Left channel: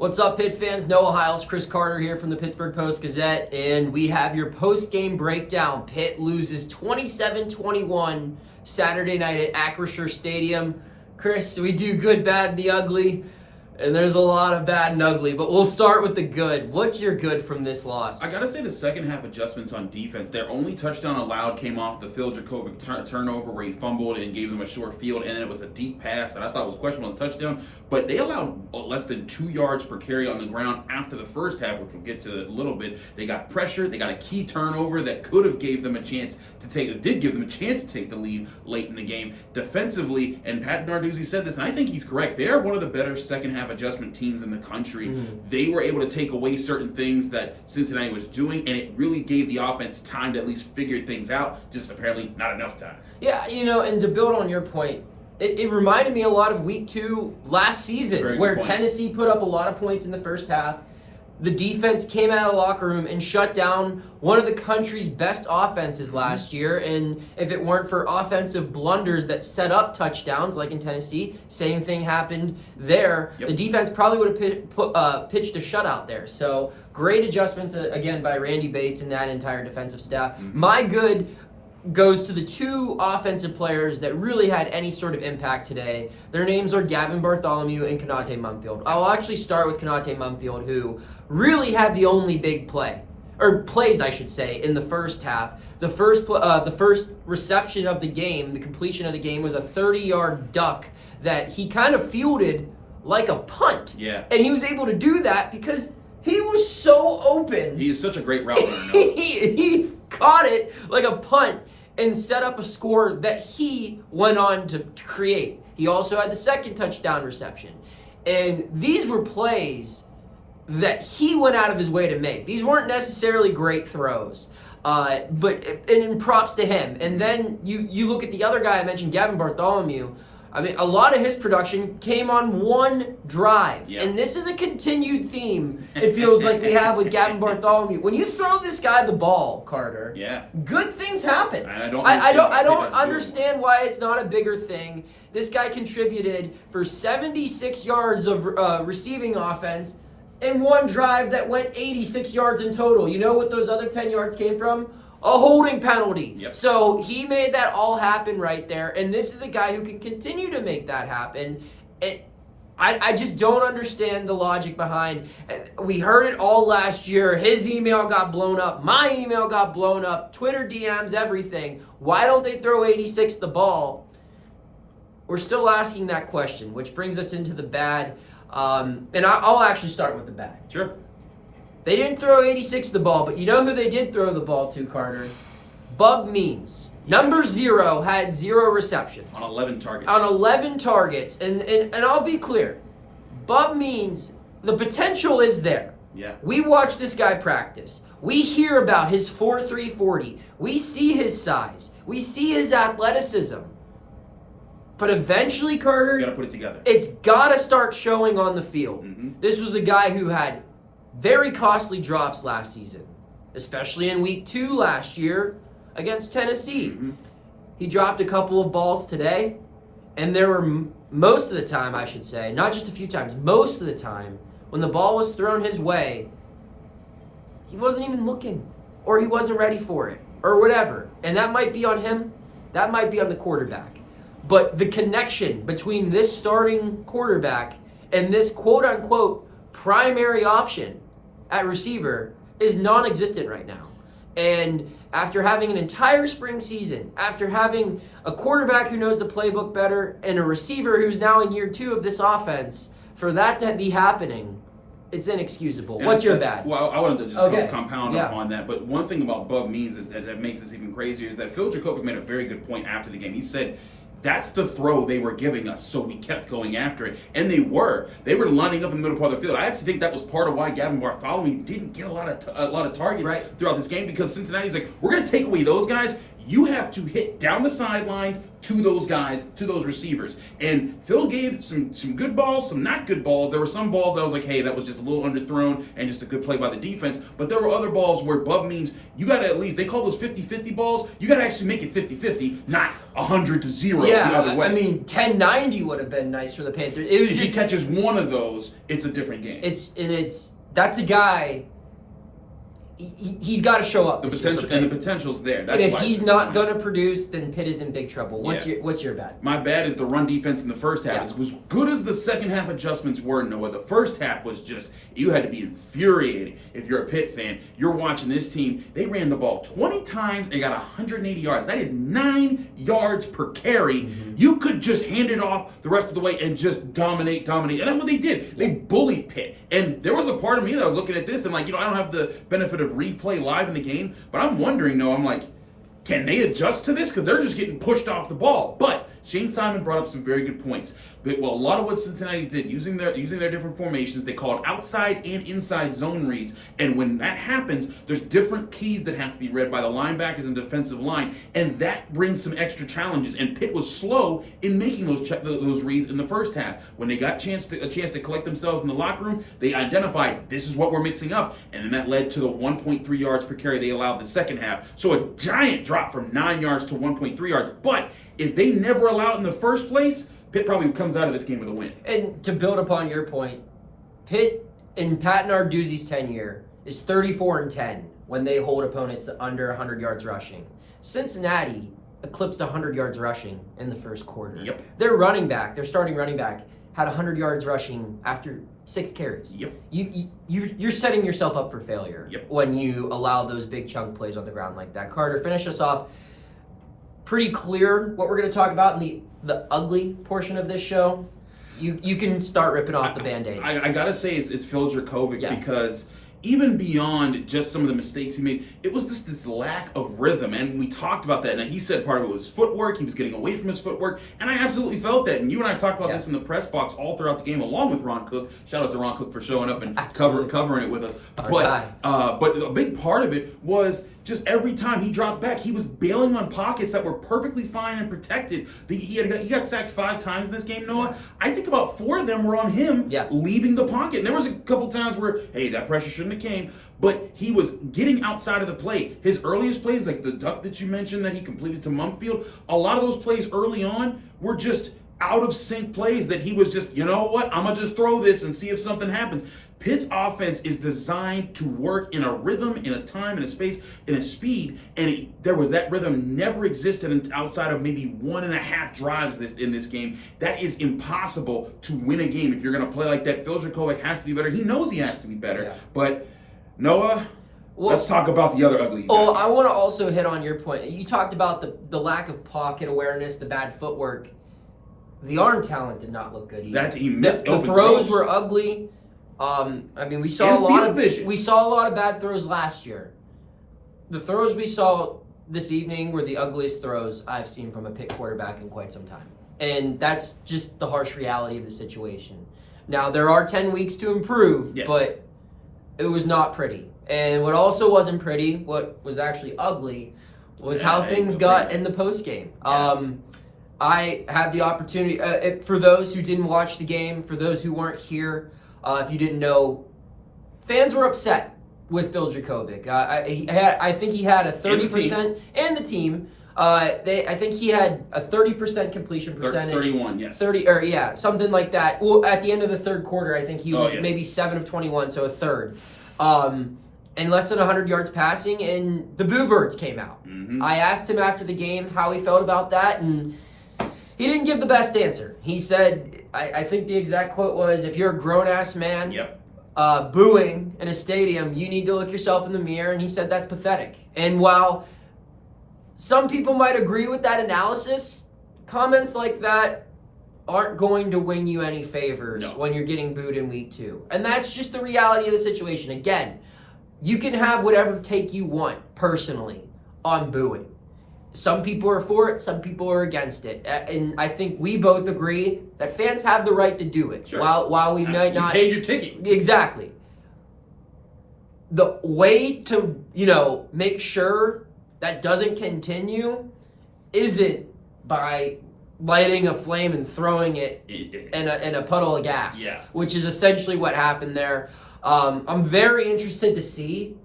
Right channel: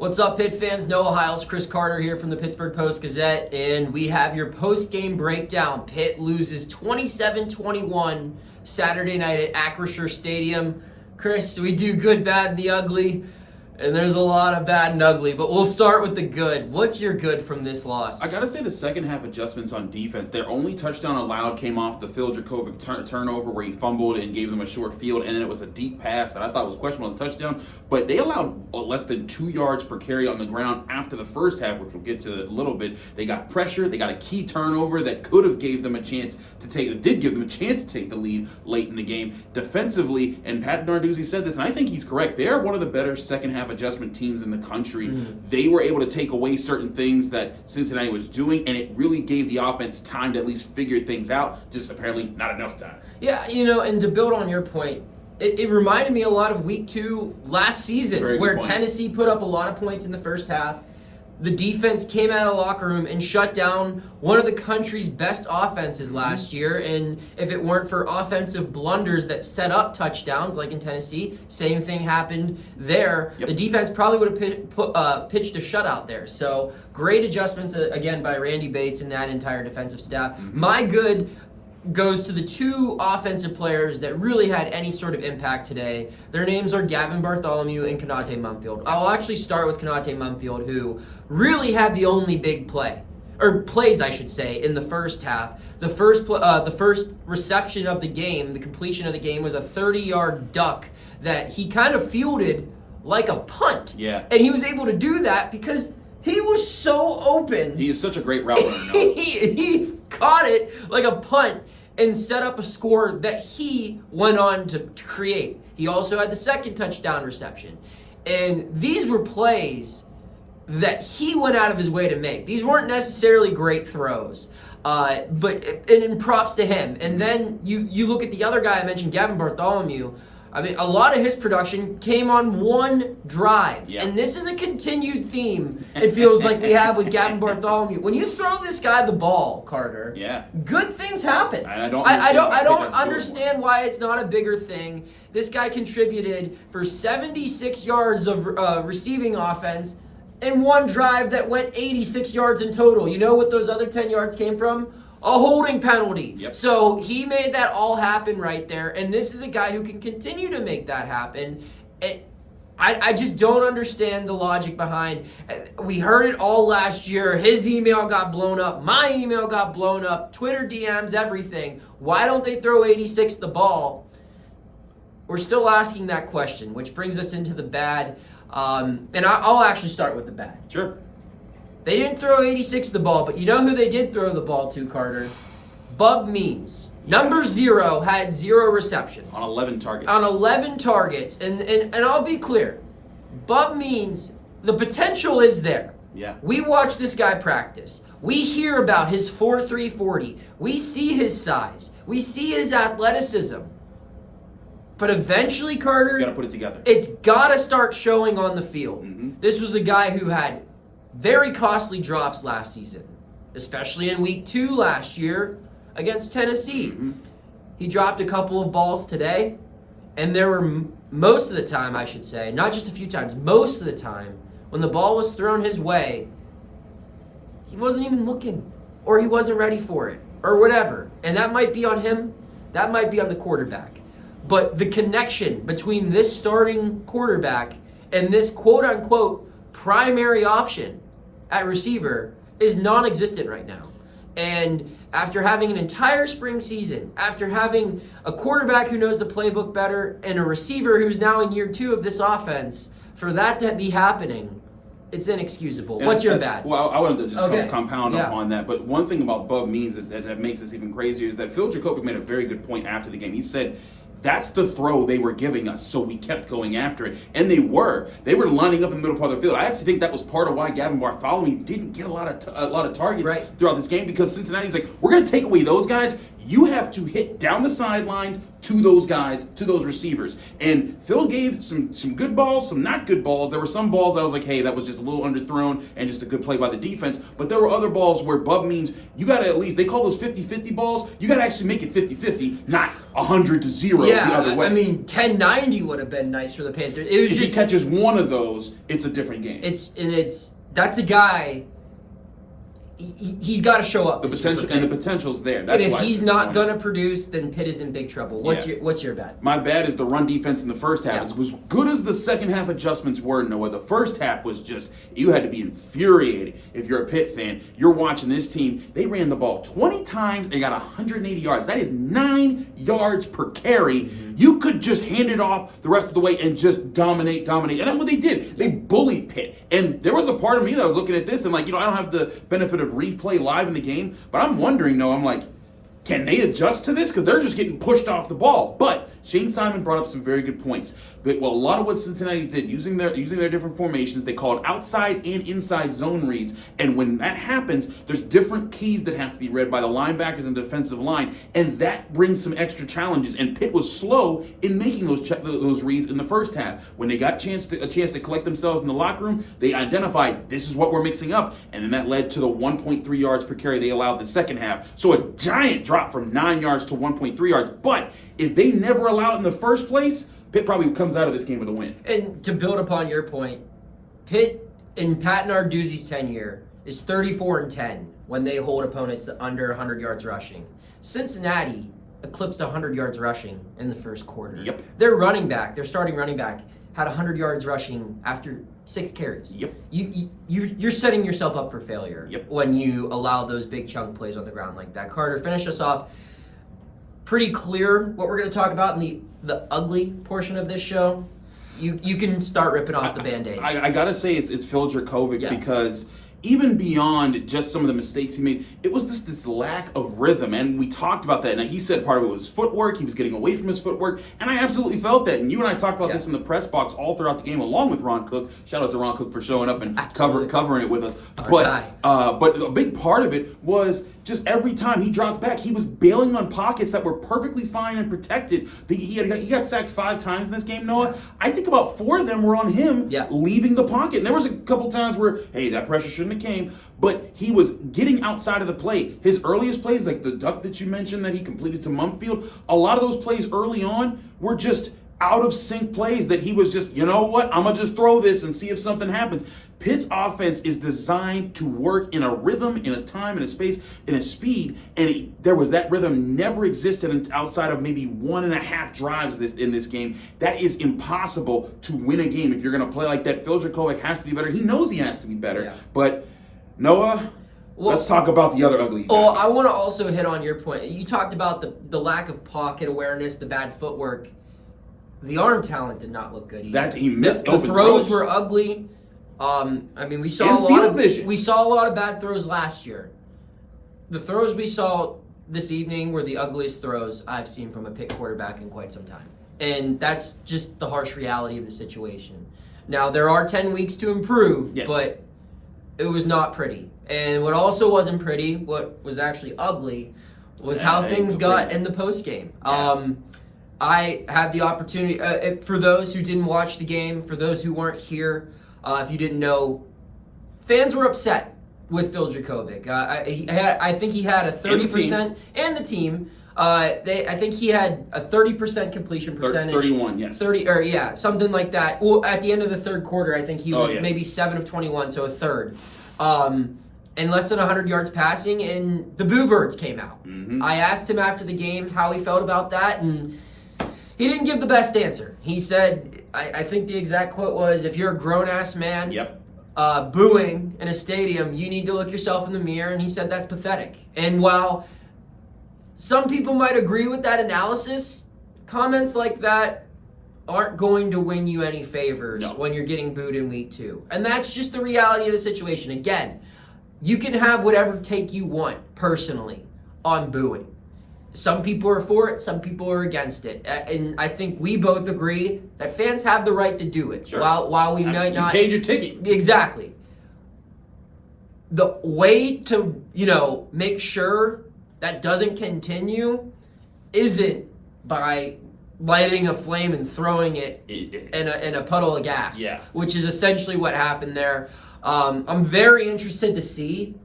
What's up, Pitt fans? Noah Hiles, Chris Carter here from the Pittsburgh Post-Gazette, and we have your post-game breakdown. Pitt loses 27-21 Saturday night at Acrisure Stadium. Chris, we do good, bad, and the ugly, and there's a lot of bad and ugly, but we'll start with the good. What's your good from this loss? I gotta say the second half adjustments on defense. Their only touchdown allowed came off the Phil Jurkovec turnover where he fumbled and gave them a short field, and then it was a deep pass that I thought was questionable on the touchdown. But they allowed less than 2 yards per carry on the ground after the first half, which we'll get to a little bit. They got pressure. They got a key turnover that could have gave them a chance to take the lead late in the game. Defensively, and Pat Narduzzi said this, and I think he's correct, they are one of the better second half adjustment teams in the country. They were able to take away certain things that Cincinnati was doing, and it really gave the offense time to at least figure things out. Just apparently not enough time. Yeah, and to build on your point, it reminded me a lot of week 2 last season, where Tennessee put up a lot of points in the first half. The defense came out of the locker room and shut down one of the country's best offenses last year. And if it weren't for offensive blunders that set up touchdowns, like in Tennessee, same thing happened there. Yep. The defense probably would have pitched a shutout there. So great adjustments, again, by Randy Bates and that entire defensive staff. My good goes to the 2 offensive players that really had any sort of impact today. Their names are Gavin Bartholomew and Konate Mumfield. I'll actually start with Konate Mumfield, who really had the only big play, or plays, I should say, in the first half. The first reception of the game, the completion of the game, was a 30-yard duck that he kind of fielded like a punt. Yeah. And he was able to do that because he was so open. He is such a great route runner. He caught it like a punt and set up a score that he went on to create. He also had the second touchdown reception. And these were plays that he went out of his way to make. These weren't necessarily great throws, but in props to him. And then you look at the other guy I mentioned, Gavin Bartholomew. I mean, a lot of his production came on one drive. Yeah. And this is a continued theme, it feels like we have with Gavin Bartholomew. When you throw this guy the ball, Carter, good things happen. I don't understand why it's not a bigger thing. This guy contributed for 76 yards of receiving offense and one drive that went 86 yards in total. You know what those other 10 yards came from? A holding penalty. Yep. So he made that all happen right there. And this is a guy who can continue to make that happen. I just don't understand the logic behind. We heard it all last year. His email got blown up. My email got blown up. Twitter DMs, everything. Why don't they throw 86 the ball? We're still asking that question, which brings us into the bad. And I'll actually start with the bad. Sure. They didn't throw 86 the ball, but you know who they did throw the ball to, Carter? Bub Means. Number 0 had 0 receptions. On 11 targets. On 11 targets. And I'll be clear. Bub Means, the potential is there. Yeah. We watch this guy practice. We hear about his 4.3 40. We see his size. We see his athleticism. But eventually, Carter, you got to put it together. It's got to start showing on the field. This was a guy who had very costly drops last season, especially in week 2 last year against Tennessee. He dropped a couple of balls today, and there were most of the time, I should say, not just a few times, most of the time, when the ball was thrown his way, he wasn't even looking, or he wasn't ready for it, or whatever. And that might be on him, that might be on the quarterback. But the connection between this starting quarterback and this quote-unquote primary option at receiver is non-existent right now. And after having an entire spring season, after having a quarterback who knows the playbook better and a receiver who's now in year 2 of this offense, for that to be happening, it's inexcusable. And what's your bad? Well, I wanted to just compound Yeah. upon that. But one thing about Bub Means is that makes this even crazier is that Phil Jurkovec made a very good point after the game. He said, that's the throw they were giving us, so we kept going after it. And they were lining up in the middle part of the field. I actually think that was part of why Gavin Bartholomew didn't get a lot of targets throughout this game, because Cincinnati's like, we're going to take away those guys. You have to hit down the sideline to those guys, to those receivers. And Phil gave some good balls, some not good balls. There were some balls I was like, hey, that was just a little underthrown and just a good play by the defense. But there were other balls where Bub means you got to at least, they call those 50-50 balls, you got to actually make it 50-50, not 100-0 the other way. I mean, 10-90 would have been nice for the Panthers. It was if just, he catches one of those, it's a different game. That's a guy. He's got to show up. The potential's there. That's and if he's not going to produce, then Pitt is in big trouble. What's your bad? My bad is the run defense in the first half. As good as the second half adjustments were, Noah, the first half was just, you had to be infuriated if you're a Pitt fan. You're watching this team. They ran the ball 20 times and got 180 yards. That is 9 yards per carry. Mm-hmm. You could just hand it off the rest of the way and just dominate. And that's what they did. They bullied Pitt. And there was a part of me that was looking at this and like, I don't have the benefit of replay live in the game, but I'm wondering, though, I'm like, can they adjust to this? Because they're just getting pushed off the ball. But Shane Simon brought up some very good points. A lot of what Cincinnati did, using their different formations, they called outside and inside zone reads. And when that happens, there's different keys that have to be read by the linebackers and defensive line, and that brings some extra challenges. And Pitt was slow in making those reads in the first half. When they got a chance to collect themselves in the locker room, they identified this is what we're mixing up, and then that led to the 1.3 yards per carry they allowed the second half. So a giant drop from 9 yards to 1.3 yards. But if they never allow it in the first place, Pitt probably comes out of this game with a win. And to build upon your point, Pitt in Pat Narduzzi's tenure is 34-10 when they hold opponents to under 100 yards rushing. Cincinnati eclipsed 100 yards rushing in the first quarter. Yep. Their starting running back, had 100 yards rushing after 6 carries. Yep. You're setting yourself up for failure when you allow those big chunk plays on the ground like that. Carter, finish us off. Pretty clear what we're going to talk about in the ugly portion of this show. You can start ripping off the Band-Aid. I got to say it's Phil Jurkovec because even beyond just some of the mistakes he made, it was just this lack of rhythm. And we talked about that. And he said part of it was footwork. He was getting away from his footwork. And I absolutely felt that. And you and I talked about this in the press box all throughout the game, along with Ron Cook. Shout out to Ron Cook for showing up and covering it with us. But a big part of it was just every time he dropped back, he was bailing on pockets that were perfectly fine and protected. He got sacked 5 times in this game, Noah. I think about 4 of them were on him leaving the pocket. And there was a couple times where, hey, that pressure shouldn't have came. But he was getting outside of the play. His earliest plays, like the duck that you mentioned that he completed to Mumfield, a lot of those plays early on were just out of sync plays that he was just, you know what, I'm going to just throw this and see if something happens. Pitt's offense is designed to work in a rhythm, in a time, in a space, in a speed, and there was that rhythm never existed outside of maybe 1.5 drives in this game. That is impossible to win a game if you're going to play like that. Phil Jurkovec has to be better. He knows he has to be better. But, Noah, let's talk about the other ugly guy. Oh, I want to also hit on your point. You talked about the lack of pocket awareness, the bad footwork. The arm talent did not look good either. He missed the throws were ugly. I mean, we saw a lot of bad throws last year. The throws we saw this evening were the ugliest throws I've seen from a Pitt quarterback in quite some time. And that's just the harsh reality of the situation. Now, there are 10 weeks to improve, but it was not pretty. And what also wasn't pretty, what was actually ugly, was how things got in the postgame. I had the opportunity, for those who didn't watch the game, for those who weren't here, if you didn't know, fans were upset with Phil Jurkovec. I think he had a 30%, and the team. I think he had a 30% completion percentage. 31, yes. 30, or something like that. Well, at the end of the third quarter, I think he was maybe 7 of 21, so a third. And less than 100 yards passing, and the Boo Birds came out. Mm-hmm. I asked him after the game how he felt about that, and he didn't give the best answer. He said, I think the exact quote was, if you're a grown-ass man booing in a stadium, you need to look yourself in the mirror. And he said that's pathetic. And while some people might agree with that analysis, comments like that aren't going to win you any favors when you're getting booed in week 2. And that's just the reality of the situation. Again, you can have whatever take you want personally on booing. Some people are for it, some people are against it. And I think we both agree that fans have the right to do it. Sure. While we might not... You paid your ticket. Exactly. The way to, make sure that doesn't continue isn't by lighting a flame and throwing it in a puddle of gas, which is essentially what happened there. I'm very interested to see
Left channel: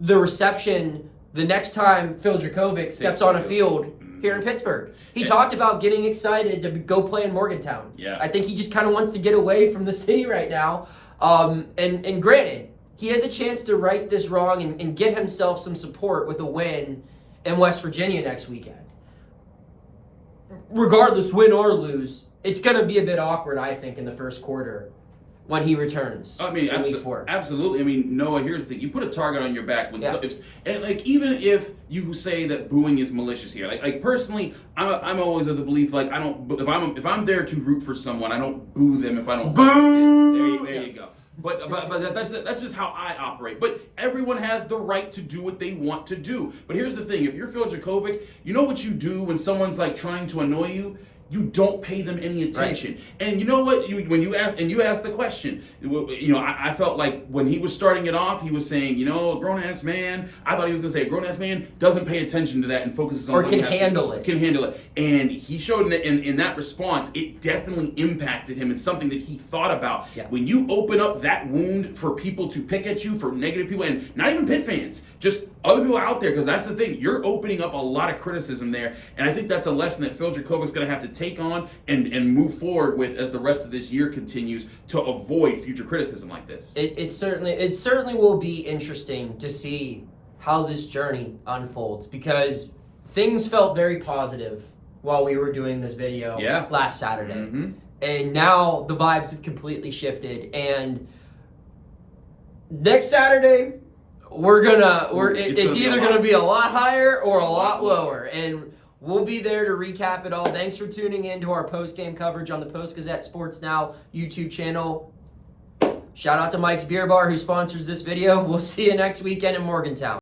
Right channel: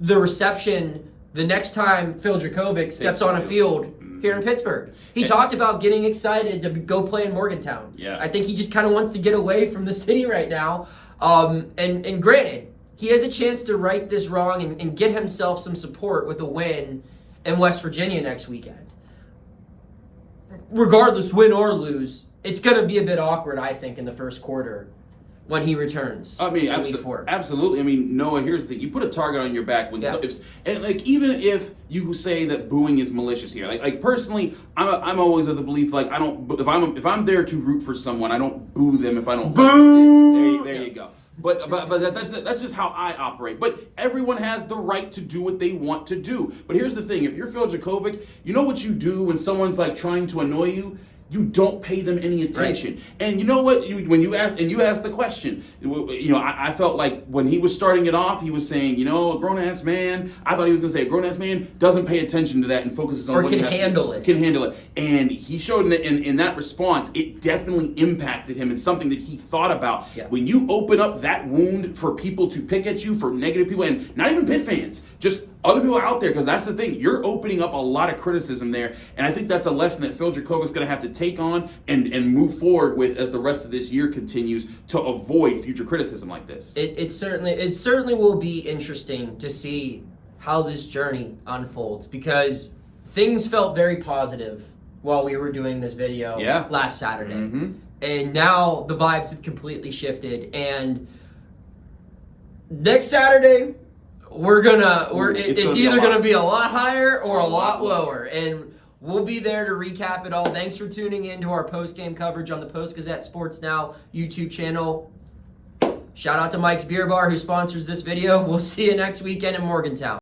the reception the next time Phil Jurkovec steps on a field here in Pittsburgh. He talked about getting excited to go play in Morgantown. Yeah. I think he just kind of wants to get away from the city right now. And granted, he has a chance to right this wrong and get himself some support with a win in West Virginia next weekend. Regardless, win or lose, it's going to be a bit awkward, I think, in the first quarter when he returns. I mean, week 4. Absolutely. I mean, Noah, here's the thing: you put a target on your back when, and like even if you say that booing is malicious here, like personally, I'm always of the belief like I don't if I'm there to root for someone, I don't boo them if I don't boo. There you go. But that's just how I operate. But everyone has the right to do what they want to do. But here's the thing: if you're Phil Jurkovec, you know what you do when someone's like trying to annoy you. You don't pay them any attention. Right. And you know what? When you asked the question, I felt like when he was starting it off, he was saying, a grown-ass man. I thought he was going to say a grown-ass man doesn't pay attention to that and focuses on or what can he has handle it. Can handle it. And he showed in that response, it definitely impacted him. It's something that he thought about. Yeah. When you open up that wound for people to pick at you, for negative people, and not even Pitt fans, just other people out there, because that's the thing. You're opening up a lot of criticism there. And I think that's a lesson that Phil Jurkovec's going to have to take on and move forward with as the rest of this year continues to avoid future criticism like this. It certainly will be interesting to see how this journey unfolds, because things felt very positive while we were doing this video last Saturday. Mm-hmm. And now the vibes have completely shifted. And next Saturday, it's either going to be a lot higher or a lot lower. And we'll be there to recap it all. Thanks for tuning in to our post-game coverage on the Post-Gazette Sports Now YouTube channel. Shout out to Mike's Beer Bar, who sponsors this video. We'll see you next weekend in Morgantown.